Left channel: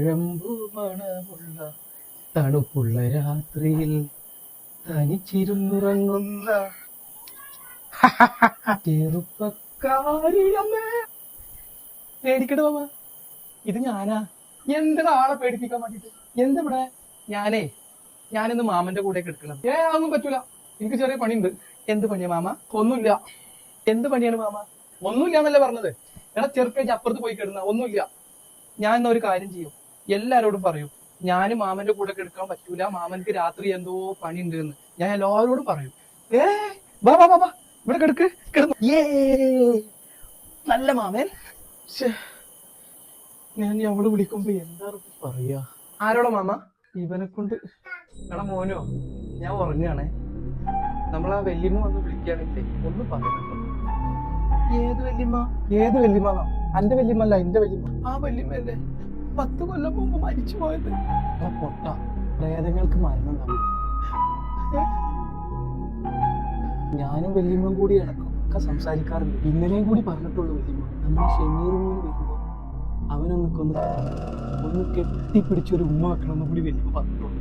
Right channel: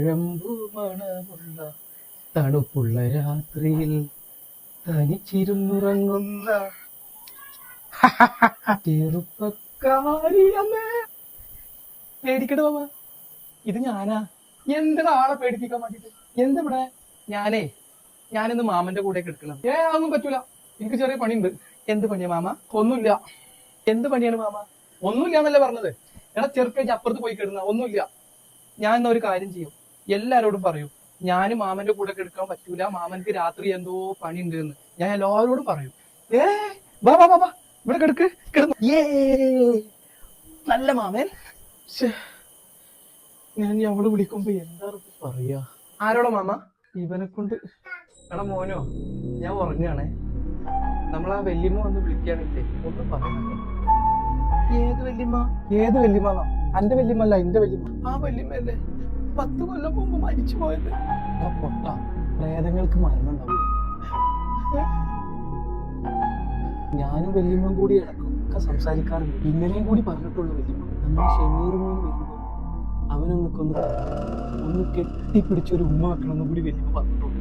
താഴമ്പു മണമുള്ള തണുപ്പുള്ള രാത്രിയിൽ തനിച്ചിരുന്നുറങ്ങുന്ന ചെറുപ്പക്കാരിയമ്മേ. പേടിക്കട മാമ, ഇത് ഞാനാ. എന്തിനാ ആളെ പേടിപ്പിക്കാൻ വേണ്ടിട്ട്? എന്തിവിടെ? ഞാനിന്ന് മാമന്റെ കൂടെ എടുക്കണത്. അതൊന്നും പറ്റൂല, എനിക്ക് ചെറിയ പണിയുണ്ട്. എന്ത് പണിയാ മാമ? ഒന്നുമില്ല. എന്ത് പണിയാണ് മാമ? ഒന്നുമില്ല എന്നല്ലേ പറഞ്ഞത്? എടാ ചെറുപ്പേജ് അപ്പുറത്ത് പോയി കിടന്ന ഒന്നുമില്ല. ഞാൻ എന്നാ ഒരു കാര്യം ചെയ്യും, എല്ലാരോടും പറയും ഞാന് മാമന്റെ കൂടെ എടുക്കാൻ പറ്റൂല, മാമൻക്ക് രാത്രി എന്തോ പണി ഉണ്ട് എന്ന് ഞാൻ എല്ലാവരോടും പറയും. വാ വാ വാ വാ, ഇവിടെ കിടക്ക് കിടന്നു. നല്ല മാമൻ. ഞാൻ അവള് വിളിക്കുമ്പോ എന്താ പറയാ? ആരോടാ മാമ? ഇവനെ കൊണ്ട്. എടാ മോനോ, ഞാൻ ഉറങ്ങാണേ. നമ്മളാ വല്യമ്മ വന്ന് വിളിക്കാനില്ലേ, ഒന്ന് പറയണോ? ഏത് വല്യമ്മ? ഏത് വല്യമ്മ? അന്റെ വല്യമ്മ അല്ല, എന്റെ വല്യമ്മ. ആ വല്യമ്മയല്ലേ 10 കൊല്ലം മുമ്പ് മരിച്ചു പോയത്. പൊട്ട പ്രേതങ്ങൾക്ക് മരണം ഉണ്ടാവും. ഞാനും വല്യമ്മയും കൂടി ഇടക്കൊക്കെ സംസാരിക്കാറുണ്ട്. ഇന്നലെയും കൂടി പറഞ്ഞിട്ടുള്ളൂ വല്യമ്മ, നമ്മൾ ഷെമീറുമീൻ വരുമ്പോ അവനൊന്ന് കെട്ടിപ്പിടിച്ചൊരു ഉമ്മ വെക്കണമെന്ന് കൂടി വല്യമ്മ പറഞ്ഞിട്ടുള്ളൂ.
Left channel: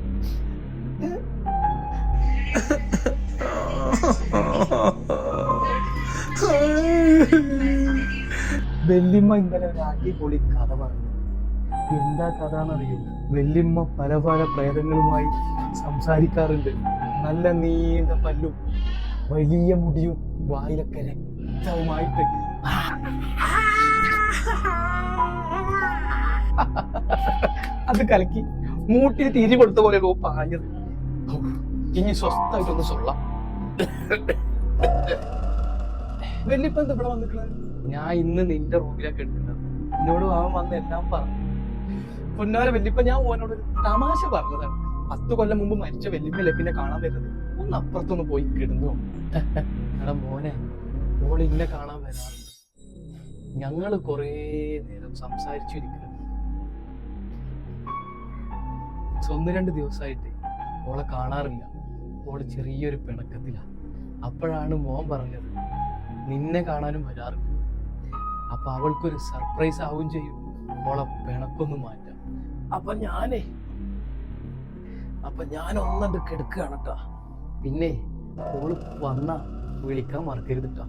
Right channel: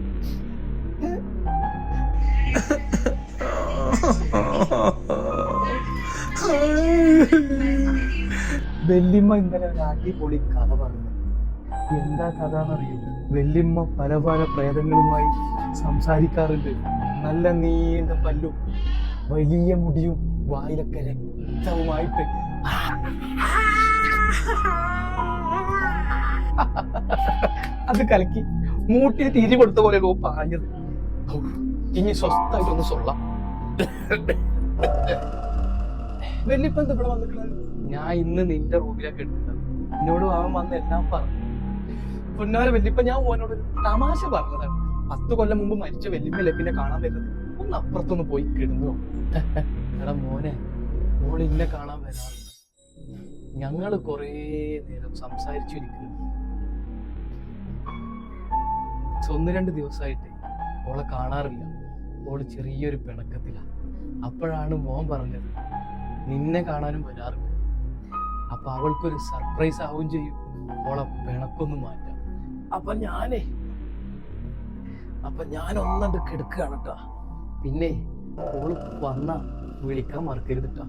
വല്യമ്മ ഇന്നലെ ഒരു അടിപൊളി കഥ പറഞ്ഞു. എന്താ കഥ എന്നറിയോ? വല്യമ്മ പല പല പ്രേതങ്ങളുമായി സംസാരിക്കാറുണ്ട്. നല്ല നീണ്ട പല്ലും വലിയ മുടിയും വായിലൊക്കെ രക്തവുമായിട്ട്. അത് കലക്കി മൂട്ടിൽ തിരി കൊടുത്ത പോലെ പാഞ്ഞത്. ഇനി സ്വസ്ഥായിട്ടൊന്ന് സൊള്ള. വല്യപ്പ എന്താ ഇവിടെ വന്നിട്ടുള്ളത്? ഞാൻ ഇന്ന് നിന്റെ റൂമിലൊക്കെ എടുക്കുന്നത്. എന്നോട് അവൻ വന്ന് എല്ലാം പറഞ്ഞു. പൊന്നാര വല്യപ്പ, ഞാൻ ഓനോട് ഒരു തമാശ പറഞ്ഞതാണ്. 10 കൊല്ലം മുമ്പ് മരിച്ച വല്യമ്മല്ലേ പിന്നെ കാണാൻ വരുന്നത്. ഒന്ന് അപ്പുറത്തൊന്ന് പോയി കിടന്നു. എടാ മോനെ, ഓൾ ഇന്നെ കാണാൻ വരാറുണ്ട്. ഞങ്ങള് കൊറേ നേരം സംസാരിച്ചിരിക്കുന്നു. 1-2 ദിവസമായിട്ട് ഓളെ കാണാറില്ല. ഓള് ചെറിയൊരു പിണക്കത്തിലാ. അപ്പോഴാണ് മോൻ പറഞ്ഞത് നിന്നെ കാണാനും വരാറുണ്ട്. അപ്പൊ അവൾക്കൊരു സർപ്രൈസ് ആവുകയും ചെയ്യും, ഓളെ പിണക്കൊന്ന് മാറ്റാം. അപ്പൊ ഞാൻ ഒന്നണ്ട് കെടുക്കുകയാണ് കേട്ടാ. പിന്നെ ഓള് വന്ന വിളിക്കാൻ മറക്കരുത് കേട്ടാ.